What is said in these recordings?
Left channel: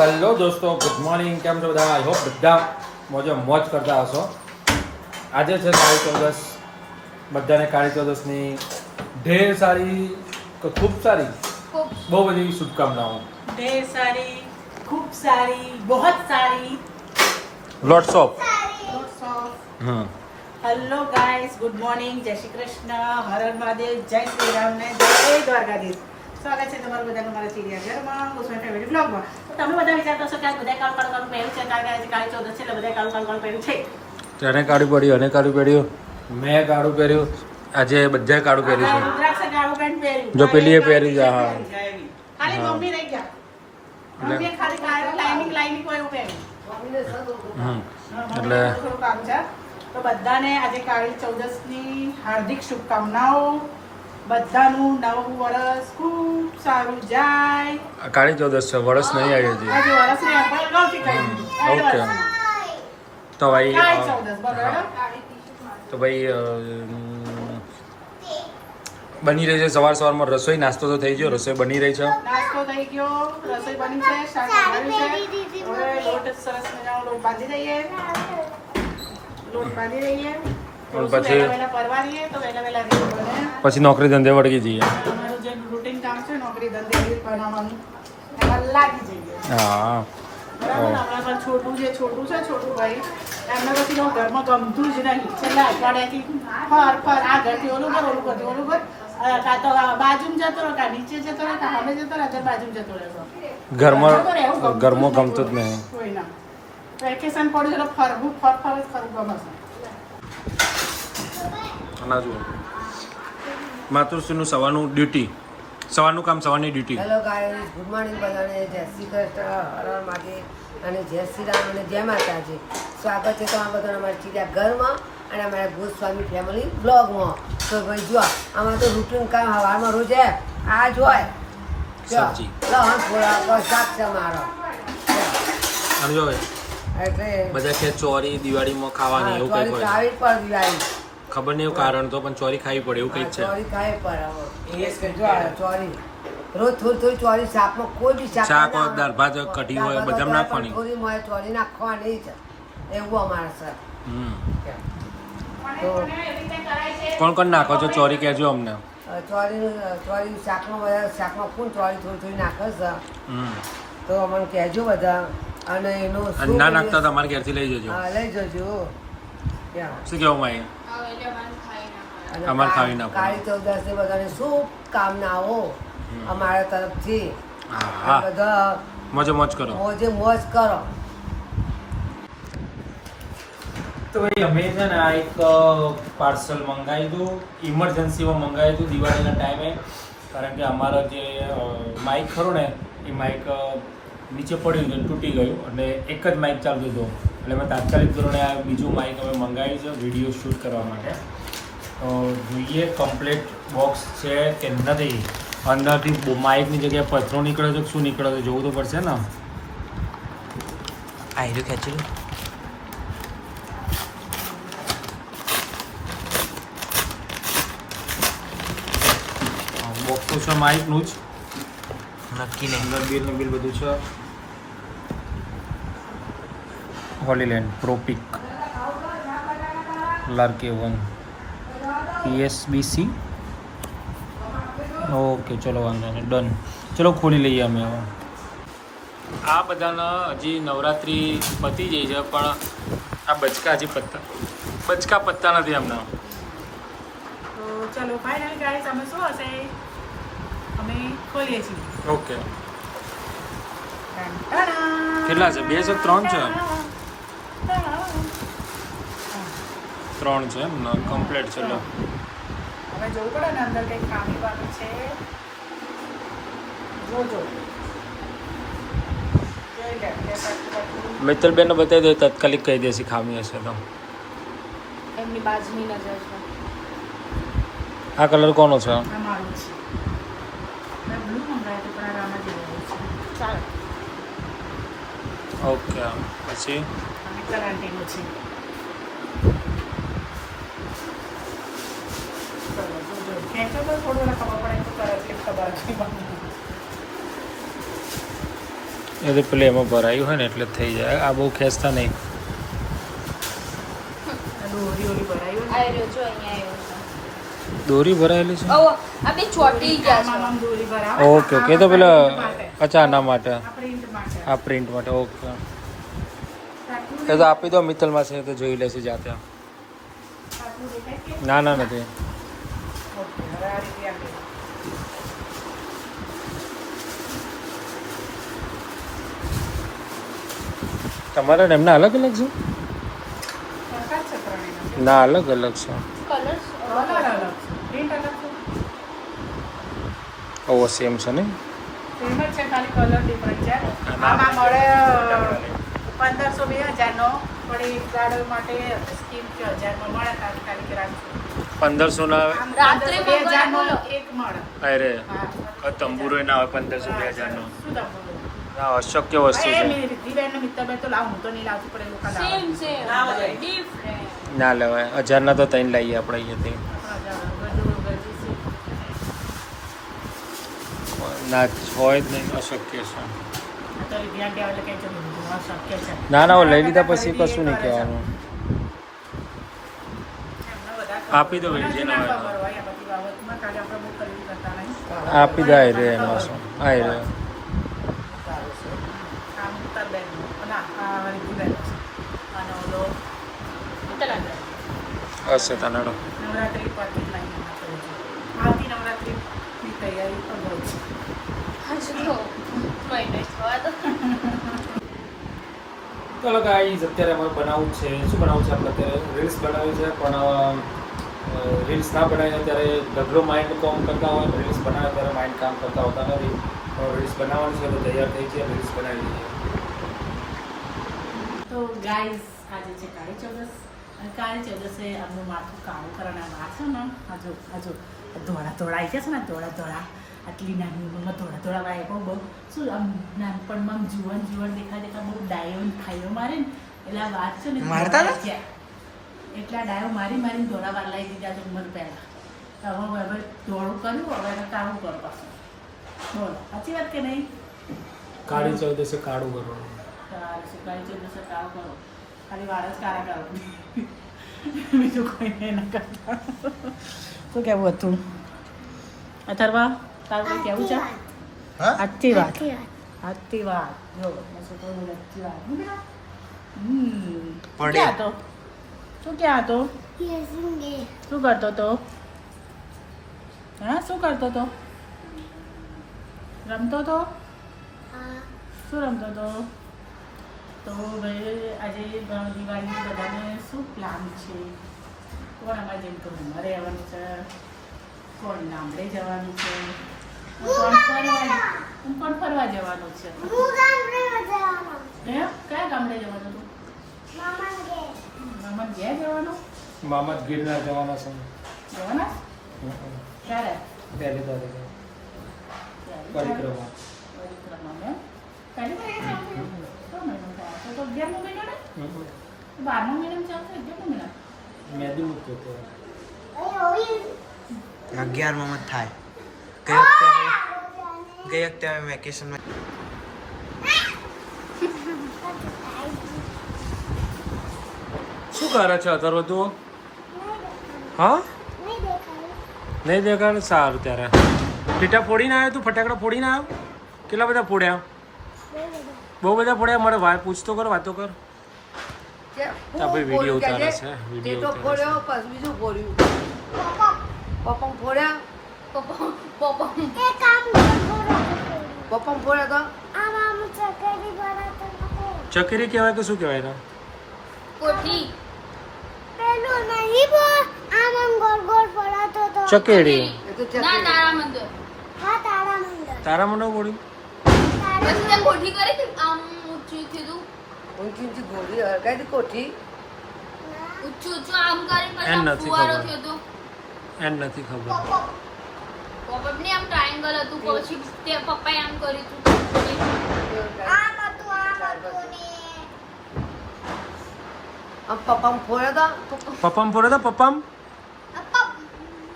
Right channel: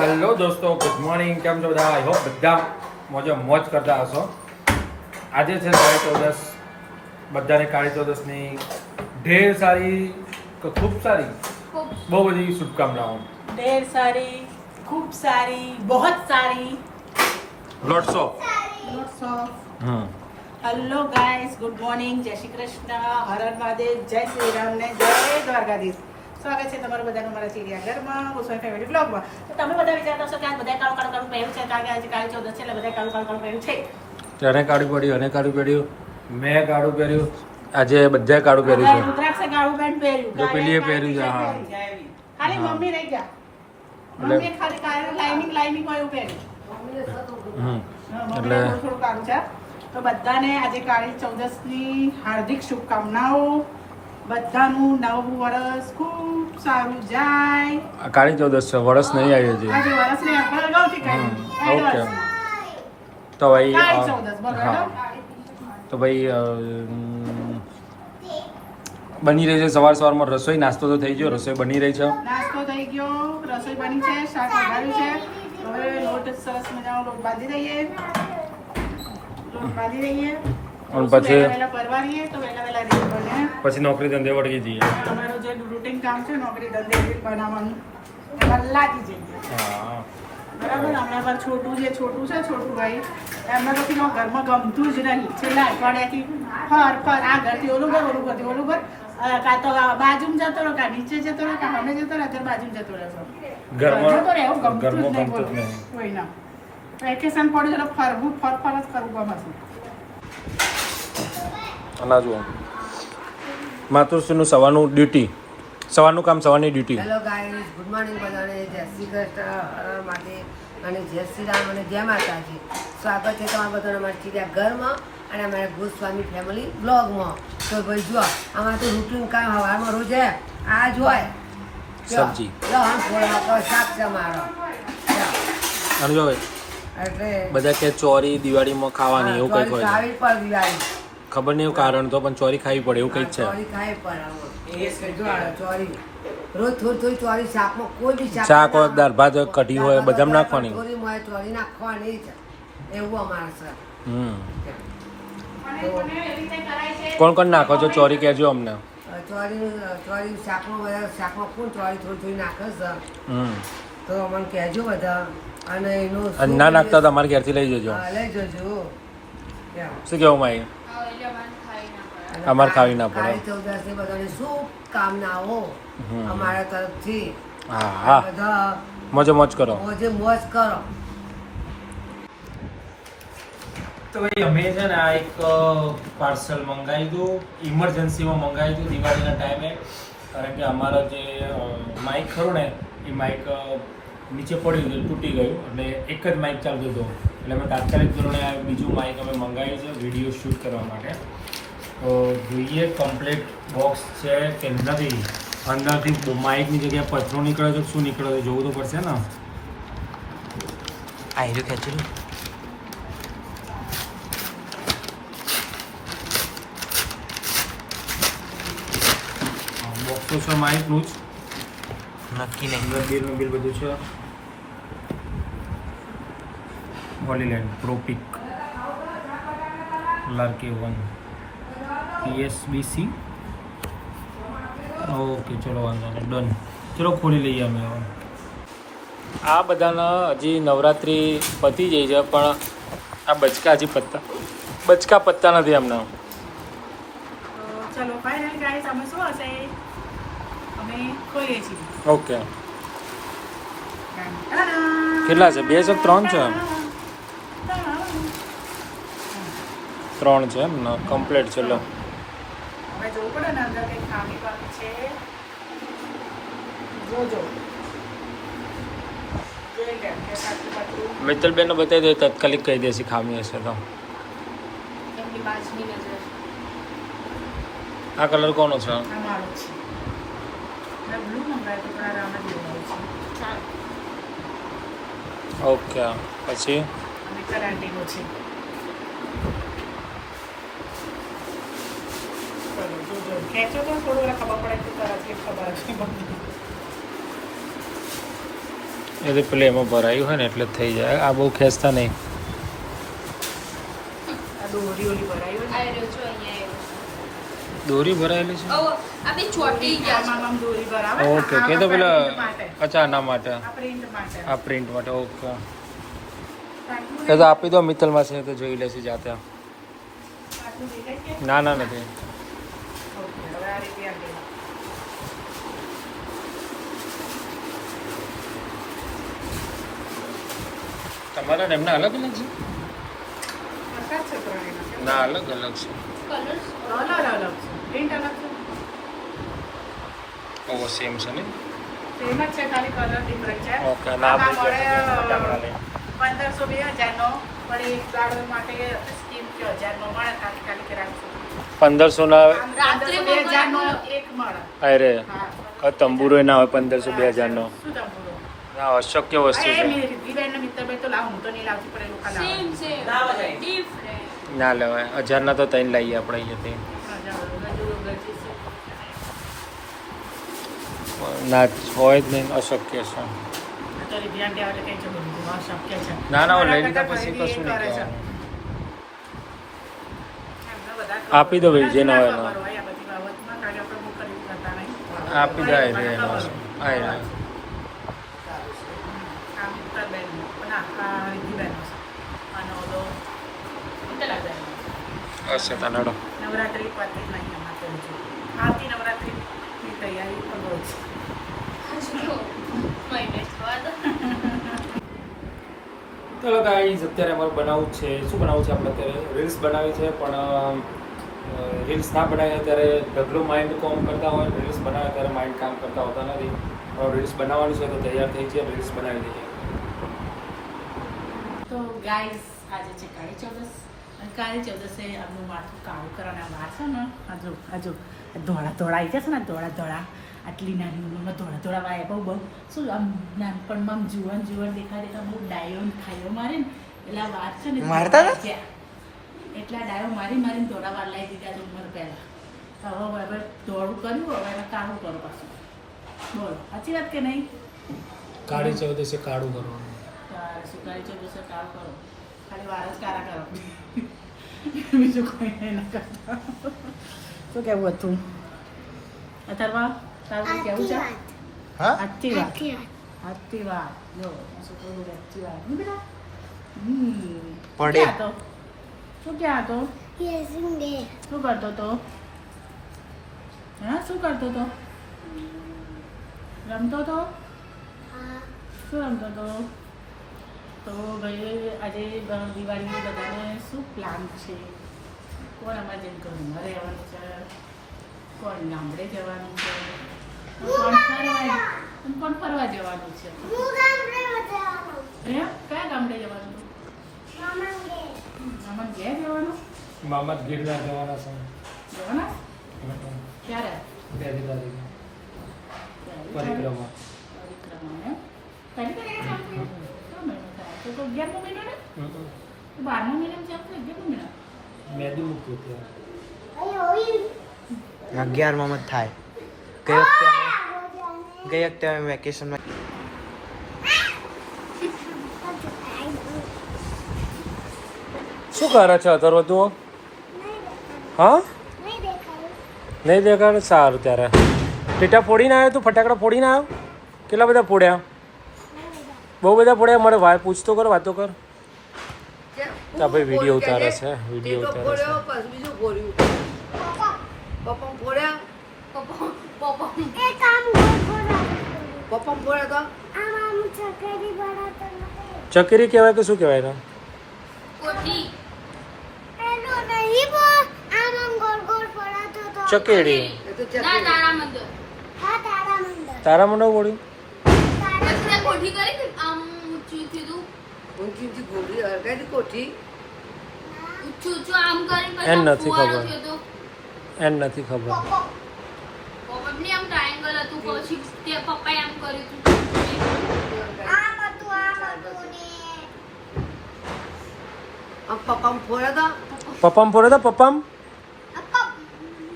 Hello દોસ્તો good morning કેમ છો બધા? આઈ હોપ બધા મોજે મોજ કરતા હશો. આજે છે કાળી ચૌદસ બધાને કાળી ચૌદશની ઢેર સારી તો ખૂબ સારી? બહુ બધી શુભકામનાઓ. ઢેર સારી ખૂબ સારી બહોત સારી. લોટ્સ ઓફ લોટ્સ ઓફ હા hello guys good morning Jai Shri Krishna હર મહાદેવ જય શ્રી રામ ને જય દ્વારકાધીશ. સ્વાગત છે તમારું બધાનું મારા ચિડિયાઘરમાં ગોસ્વામી ફેમિલી બ્લોગમાં તો તમે બધા વિચારતા હશો કે આજ બધા કાળું કાળું કાળું પહેર્યું છે કારણ કે આજે કાળી ચૌદસ છે એટલે બધા કાળું કાળું કાળું પહેર્યું છે. તેને કાળું પડ્યું અને કાળું પહેર્યું? મેં કાળું પહેર્યું. આજે બધા કાળું પહેર્યું છે. રુદ્રાક્ષે કાળું પેન્ટ પહેર્યું. જો પેલીએ પહેર્યું છે, હા. ખાલી. મમ્મી રહી ગયા. એટલે- ખાલી કાળું લાઈનિંગ લાઈનિંગ વાળું પહેર્યું. હમ એટલે થોડું થોડું કામ છે. તો બધાને આજે કાળી ચૌદસની હાર્દિક શુભકામનાઓ. બધાનું નવું વર્ષ ખૂબ સારું જાય. કાળી ચૌદસ છે વરસ નહીં આવી હજી આજે વર્ષ ને આપણે અગાઉથી કહી દીધું. હમ, ઓકે. તો ભાઈ હા. તો ભાઈ બની રહી છે સવાર સવારમાં રસોઈ નાસ્તો તો થઈ ગયો રસોઈ બની રહી છે. નાસ્તો થઈ ગયો રસોઈ બની છે શાક બનાવ્યું છે. હવે લોટ સરસ મજાનો લોટ બાંધી દઈએ. લોટ બાંધી દઈએ. પછી- પછી નોકરી ધંધે વળગી જઈએ. રૂટીન કામ છે નોકરી ધંધે બનાવવાનું એમાં લાગી જઈએ. હા. બરાબર? હમણાં પર છોટું જે છોટું છે છોટું ભાઈ. એમને પછી જો ઘરમાં ગમતું જ નહીં. છેલ્લા અઠવાડિયાથી ફર ફર આ ઘરથી ઓલું કર ઓલું કરતી ઓલું કર. કાં તો બાજુમાં જતો રહો કાં નીચે જતો રહો કાં સામે જતો રહો અત્યારે બાજુમાં જતો રહેશો ઘરમાં ગમતું જ કોઈ. ના વેકેશન પડ્યું એટલે ફરવું ફર ફર જ કરવું ગમે અનાજ માતૃશ્રીનું સવારનું ડ્યુટી સવારનું કામ સવારની duty hello guys good morning બધાને. જય શ્રી કૃષ્ણ હર માટે અને જય શ્રી રામ અને જય માતાજી. સ્વાગત છે તમારા બધાને અમારા ચીડિયા ઘરમાં અને અમારા ગોસ્વામી ફેમિલી બ્લોગમાં તો ભાઈ જો આમાં તો રૂટીન કામ હવામાં રોજ આ જ હોય સબ્જી. શાક છે મારો અને જો એટલે બધા કે ચોરી દિવાળીમાં ખાવાની એવું કંઈક હોય ચાવી પર દિવાળી. ખબર નહીં કારણ તો પણ ચોરી ખાવી પડે એવું કંઈક છે. ચોરી ચોરી. રોજ થોડી થોડી ચોરી શાકનો કોઈ બી શાક શાક હોય દાળ ભાત હોય, કઢી હોય બધામાં નાખવાની. થોડી મોય ચોરી નાખવાની જ. એવું અમારે સર હમ. તો કોણ કોણ નાખો છો? ચોરી કહેજો અમને. ચોરી ચોરી શાકનો બધા શાકનો કોણ ચોરી થોડી થોડી નાખો સર હમ. તો અમને કહેજો બધા. અને એનું ના નાખતા તો અમારે ઘેરથી લઈ જજો. લઈ જજો. શું માઈ? અને અમારે ખાવી ના પડે. બધાને શું કામનાઓ અમારા તરફથી. હા હા બધા મોજે મોજ કરો. મોજે મોજ કરો. તો ભાઈ અમે છે ને આ એક પાર્સલ મંગાવ્યું હતું. ઇમરજન્સીમાં મંગાવી હતું દિવાળીના ટાઈમે. કારણ કે અમારા જે માઇક ખરું ને એ માઇક નીચે પડ્યું હતું તૂટી ગયું. એટલે એક જ માઇક ચાલતું હતું. એટલે મેં તાત્કાલિક ધોરણે આ બીજું માઇક અમે મંગાવ્યું છે વીડિયો શૂટ કરવા માટે. તો જોઈએ કમ્પ્લીટ બોક્સ છે કે નથી. અંદરથી માઇકની જગ્યાએ પથરો નીકળે છે શું નીકળે છે જોવું તો પડશે ને. આયરું ખેંચેલું બોક્સ તો છે માઇકનું જ. નક્કી નહીં. બિલ બધું છે. હોલીલેન્ડ પ્રોપિક લાર્કે વન પીએસબીસી. ઓકે ચલો વાંધો નહીં ડન. ચલો ખોલી લઈએ અમે આ બધાના હજી નવરાત્રિ પતી જાય છે પણ આ બચકા હજી પત્તા બચકા પત્તા નથી એમના. ચાલો ફાઇનલ ગાઈસ અમે શું હશે? અમે ખોલીએ છીએ. ઓકે. કેટલા છે? બે છે ત્રણ છે? ત્રણ છે એમ ને કમ્પ્લીટ છે લો. હવે જોવું પડે ને અંદર કંઈ ખામી બામી છે. જોજો જોઈ લે બે કાચું કાચું મિત્તલબેનને બતાવી દો તાત્કાલિક કહી દેશે ખામી હશે તો. આ કલર કોનો છે? ઓકે મારો છે મેં બ્લુ મંગાવ્યો તો પણ આ રામ જ લેવાય છે ચાલો ઓકે પછી અને કલાંટીનો છે ચલો જોજો ખેંચો થોડું એને ખબર પડે તો તરત કે ખબર હતી એ તો પેલે એમાં ભરાયું હોય ને એટલે જ થઈ જાય. આ બહુ ખેંચતા નહીં. દોરી ઓલી ભરાયું ને. આ રહ્યો જો અહીંયા આવ્યો દોરી ભરાયેલી છે? ઓ આ બે ચોટી ગયા આમાં આમ દોરી ભરાવે. Okay okay. તો પેલા અચાના માટે. આ પ્રિન્ટ માટે. આ પ્રિન્ટ માટે ઓકે. એ તો આપી દો મિત્તલમાં છે તો જોઈ લેશે જાતે. આટલું દેખાય છે? ના ના નથી ઓકે, હવે આ રીતે આપી દો. તમારે ને એમના અલગ અલગ છે? જ ના અલગ અલગ છે. ઓવો સેમ છે. ને? ઓકે ના પંદરસો બે હજારનો પણ એક માટે સ્કીમ કે હજારનો મળે પંદરસો ના અરે હા. તંબુરો ના હોય પંદરસો બે હજારનો. શું તમને આ અશક્ય વસ્તુ છે. ને લેવાય. હજારના તો ત્રણ લાવીએ આપણે અહીંયાથી ના હોય જ નહીં અશક્ય છે. ના ના લઈ લીધા પછી કશું નહીં કહેવાનું. આપી દો ભાઈ જે ના હોય એનો. આપી દે આવી રે એમાં શું? આવી રે હશે તનાડો નવરાત્રી પાછી લાગી એમાં કરું છું આવતી નવરાત્રીની તૈયારી પણ હોય છે મહિને થવા દો. ચાલો ગાઈઝ અત્યારે અમારે બનાવવું છે. શું બનાવવું છે? આપણે અત્યારે રીલ્સ બનાવી છે પણ રીલ્સ ના બનાવીએ ત્યારે ડબલો માઇન્ડ કામ કરતા હોય રીલ્સ બનાવે ત્યારે માઇન્ડ કામ કરતા હોતા નથી. રીલ્સ બનાવવાનું છે તો તૈયાર થઈ છે રીલ્સ બનાવી દઈએ. તો ગાઈઝ આજે છે કાળી ચૌદસ. અને કાળી ચૌદસે આપણું માથું કાળું કરવાના વાર છે ને? આજો આજો ધોળા ધોળા આવી છે ને ધોળા ધોળા. આટલી નાની ઉંમરમાં ધોળા ધોળા વાય બહુ બહુ. શું આમ નાનપણમાં આમ જુવાન જુવાન દેખા દેખા બહુ ડાયો ખાઈઓ મારે ને. એટલે આ વાત છે ને મારતા એટલા ડાયો મારી મારીને ધોળા વાર લાવી દીધા તો મને પહેલાં. તો હવે હવે ધોળું કર્યું હવે એને કાળું કરો પાછું. બોલો સાચી વાત કે નહીં? કાળી ચૌદસે કાળું કરવાનું. કાળી ચૌદસે કાળું કરો. ખાલી વાળ જ કાળા કરો. બીજું કોઈ નહીં ના કરતા. શું કેવું હતું? અથર્વા તારું કંઈ કહેવું છે? હા? આજથી વાત આજથી વાત જો આ છોકરો આજથી વાત બેટા? પડે. શું ક્યાં હતો? શું ક્યાં હતો? શું કરતો હતો? હા શું કરતો હતો? રમતો હતો? શું રમતો હતો? તો ભાઈ આજે દિવાળીની બધાને શું પ્લાન છે? કોણ અમારે જેમ કે ઉમરે આવવાનું છે? કોણ ગામડે જવાનું છે? કોણ ફરવા કોણ ફરવા જવાનું છે? હે? કયા ગામડે જવાનું છે? મામા ઘેર. જવાનું? મામા ગીરનાર જવાના છે. જવાના? ક્યારે? પહેલી તારીખે? પરિક્રમા એમ પહેલી તારીખે ચાલુ થયું? કયો મહિનો થાય? તો તો અગિયારમો મહિનો ને બારમો મહિનામાં ચાલુ થયો અગિયારમો મહિના? મેદી મૂક્યું હતું. અગિયારમાં જ થાય. ગઈ વખતે અમે ગઈ વખતે અમે વેકેશનમાં શું કરે છે અત્યારે તું હા? નહીં દેખાડ. સારું ત્યારે. ટીટા ફોડીને આવ્યો તું? ફટાકડા ફોડીને આવ્યો? કેટલા બધા ફોડ્યા? બહુ બધા ફોડ્યા મારે વાત પૂછતો કર વાતો કર. તા ભાઈ વીડિયો ઉતારે છે વીડિયો ઉતારે છે. ચકરી કહેવાય કે શું કહેવાય કોઠી. ચકેડી. એ તો ચકરી. ના તારા મંદિર તારા મને ફોડ્યું પછી તે કોઠી કરી કે આમ ઊંચું થયું ઊંચી ઊંચી ગોળી હરગાઈ કોઠી ઊંચું ઊંચું આમ કરી પછી એને આમ નથી ફુવારો ખબર. થયો તો. એને નથી ખબર પપ્પાને આમ ટ્રાયેંગલ હતું પછી તે પપ્પાએ આમ કર્યું હતું આમ પપ્પમ ફોડ્યા તો પપ્પામ ફોડ્યો તો પપ્પામ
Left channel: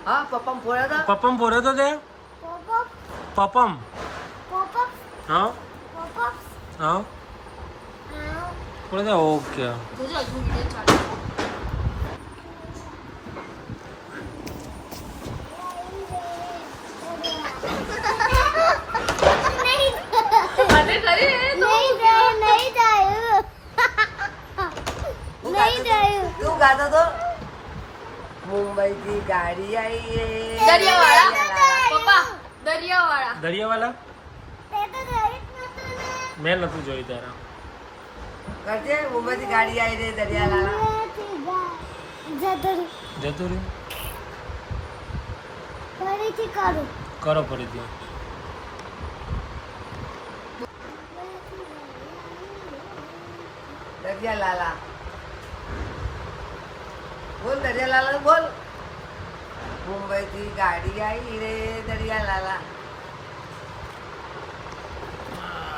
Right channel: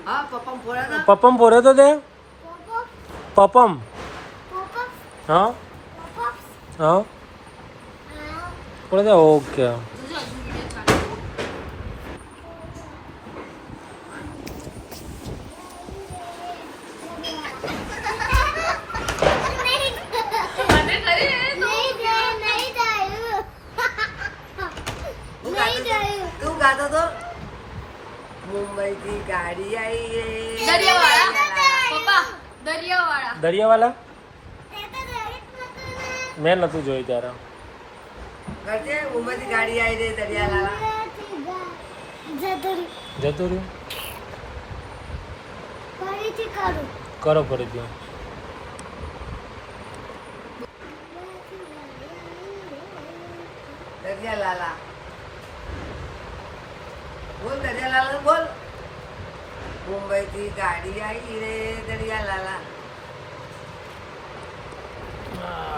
હા પપ્પમ ફોડ્યા તો પપ્પામ ફોડ્યો તો તે પપ્પમ હા હા કોણ ઓકે તો મુંબઈથી ગાડી આવી. દરિયાવાળા? દરિયાવાળા. મેં નતું જોયું ત્યારે. કરજે મુંબઈથી ગાડી આવી રહી દરિયાલાલા જતું રહ્યું કરો. ફરીથી દરિયાલાલા બોલ દરિયાલાલા બોલ. મુંબઈથી ગાડી આવી રે દરિયાલાલા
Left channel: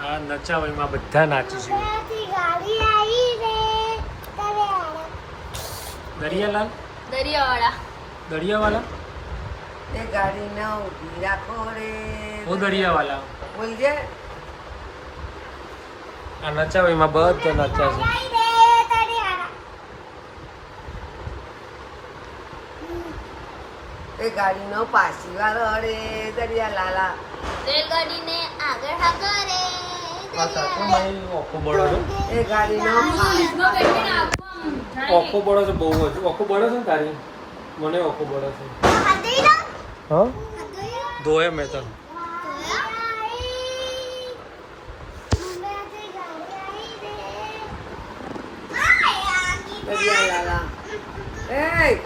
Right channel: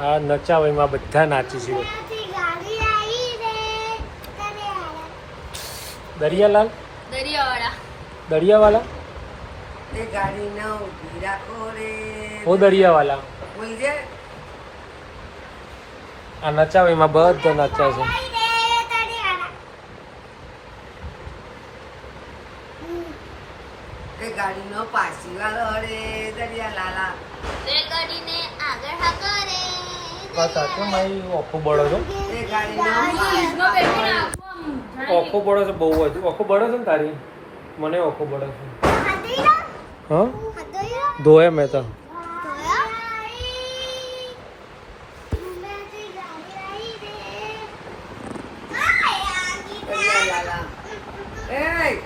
આ નચાવઈમાં બધા નાચીશું દરિયાલાલ? દરિયાવાળા. દરિયાવાલા? એ ગાડી ના ઊભી રાખો રે. હું દરિયાવાલા? બોલજે. આ નચાવઈમાં બધા નચા છે. એ ગાડી નો પાછી વાળો રે દરિયાલાલા. રેલગાડીને આગળ ઓખો બળો છો ઓખો બળો છે બહુ જ. ઓખો બળો છે ને તારી? મને ઓખો બળો છે. હા? ધોયા મેં તને. એ